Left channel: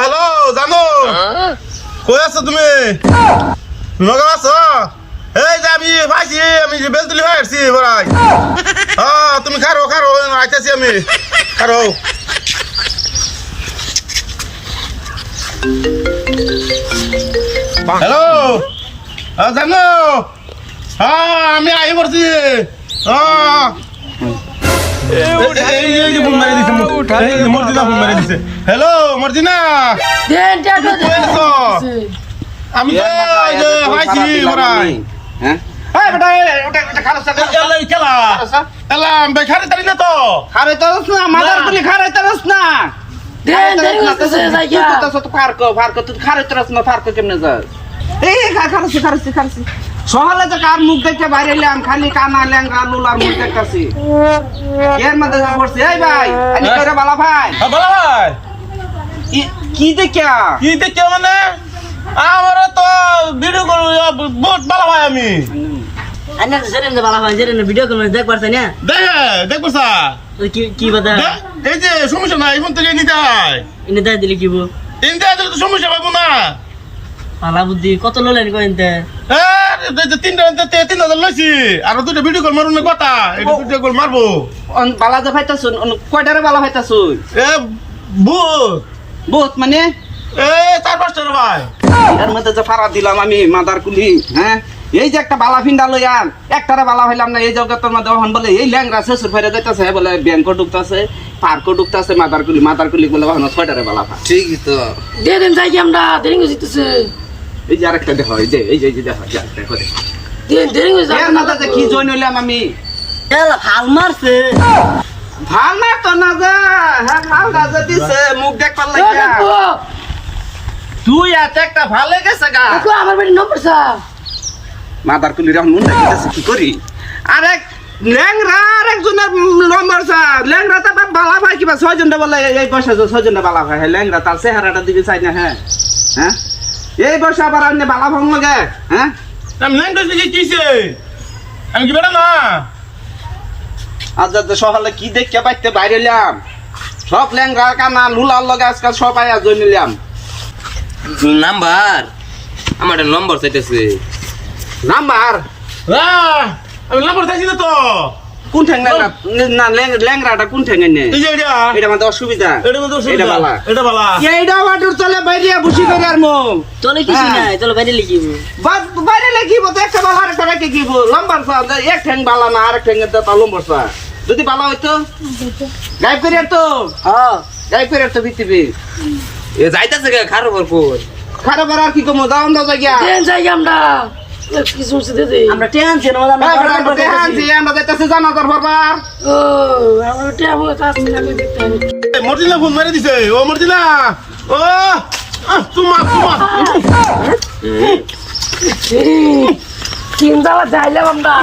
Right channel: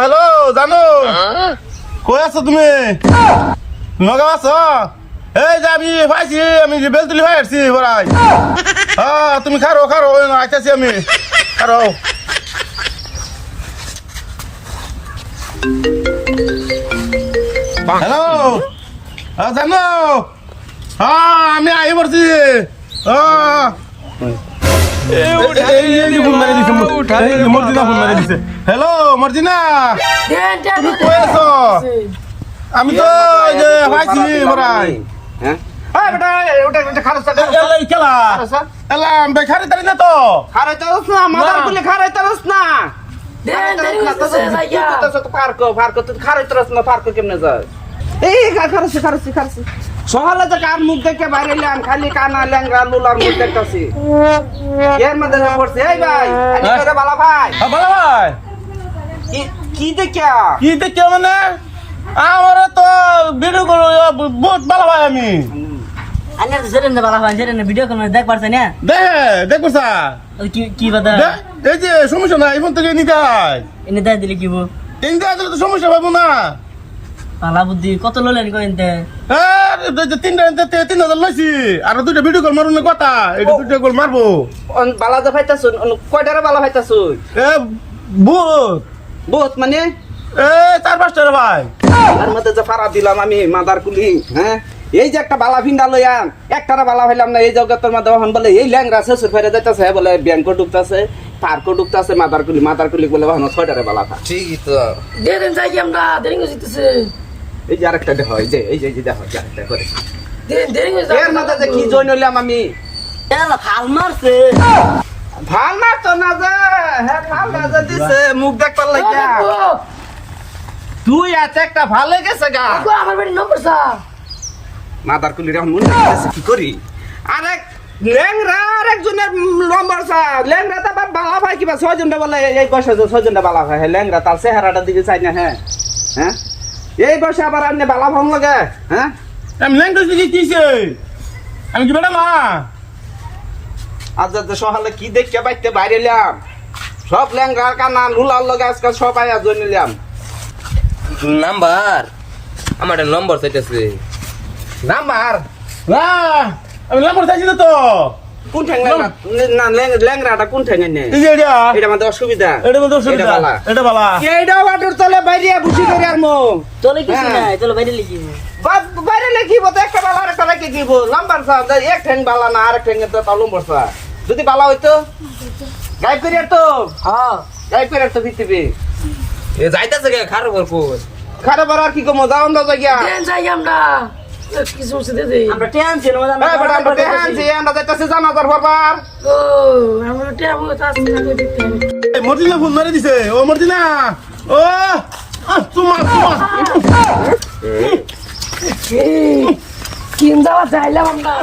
hello জানো কই আছো তুমি নগাঁও আছো এই যে আমি পাইছি আমি যে বেলতুলি ভাই আসছি বড়াই তুমি খারো খারো আইতাছি আমি খারো হ্যালো জানো আমি আই পড়ছি হ্যালো মর্জিনা আমি তো পাইছি বড়াই সহলে যে কার মুখ দেখে বাইরে এলাম খালি কানা ল্যাংরা লুলার মুখ দেখতেছি এর মধ্যে যা পড়ছে এই ভাই আনি করে বালা ভাই বালা ভাই কি দেখা মানে আমার তো ভিডিও করো বহুত বালা ভাই আমি আন্না জেরেন বালা ভাই জেরেন ভিডিও কল দেখ পারছ না দেখ পারছা কি বাদা এই যে সমস্যা নাই ফোন থেকে নিতে হয় এনে দাই দিলে কি বো এনে দিলে তো সমস্যা পাবো না পালা বুদ্ধি কত ললেন কইতে তিন হাজার লইছি আর দুইটা ভিডিও কল মারুন কথা এটা ভিডিও কল মারবো বালা যা ফাইতাছুন কয়টারে বালা ফাইতাছুন এ বহুত বহুত মানে এ 4-5টা ভাই এর মধ্যে যে ফাড়া দিলাম আমি মাদার কুলি হ্যাঁ এই যে একটা বালা ফিন্ডা লইয়াম একটারে বালা হইলাম না এই জগতের মধ্যে ওহন বলে এই ল্যাংরা শ্বশুর ফেরে যাইতাছে বলে ব্যাংক ঢুকতাছে পার্ক ঢুকতাছে মাদার কুলি বলে ওহন 6টারে বালা ফা ঠিকই তো দেন যাই আমরা দেরিং হইতেছে এই যে আরেকটা দেখো এই যে দেখো দেখো দেরিং হইছে এর মধ্যে যে কি জয়েন হইলাম আমি এলা ফাল মারছে ভাল না তো না যা হ্যাঁ ভাল না যা দিছে মুখ দেখ পার লাগিয়া তুই আছে একটা ভালো গেছে গা আমার বাড়ি নম্বর সা মাদার কুলি রহন মন দেখতেছে কি করি আরেক ল্যাংরা আরেকজনের নম্বর সা ল্যাংরা তা বালা ভাই কিবা 6 জনটা বলে এই বয়সে 6 জনটা বালা ভাই ল্যাংরা তার চেহারাটা দিকে চাই না হ্যাঁ হ্যাঁ এই বয়সে আবার আপনি বালা ভাঙ লাগে হ্যাঁ আমি ল্যাংগ্বেজ দিকে কিছে আমি কি বেটা না আজ সকালে কি দেখতে পাইতে বাইরে এলাম সব ল্যাংরা কানা লুলার লগে আজকাল সব আয়া জয় নিলাম নাম্বার আমার একটা নম্বর চাইতেছে নাম্বার আমি নাম্বার চাইছি না তো কোন ঠ্যাং না ল্যাংরাটা কোন ঠ্যাং নে এই যে এটা এটা আমাদের অসুবিধা এটা বলতে এটা বালা এটা বালা এইটা ওয়াটার তলে বাইরে বুঝি করে আর মো তোলে কিছু নাই চলো বাইরে লিখিব বাইরে লিখিব তো একটা বালা আরেকটা রেখে গিব লম্বার সা এক ঠ্যাং বালা না আরেক ঠ্যাং তো লম্বার সা যদি বালা হইতো গাইব করে তো হ্যাঁ গাইব করে তো ভিতবে এ যাইতেছে খারো বর কই খারাপ আর কি কমো যাও না জায়গা দেন যাই আমরা কিছু দে দে আমরা টেনশন ওলা না আমরা যাইতাছে জানাজার বারবার ও আমরা টেবো কাজ না দিতে হবে মর্জিনা ফোন মারি দিছে ও মর্জিনা ও তোমা তিন যাওয়া যাইলাম আমরা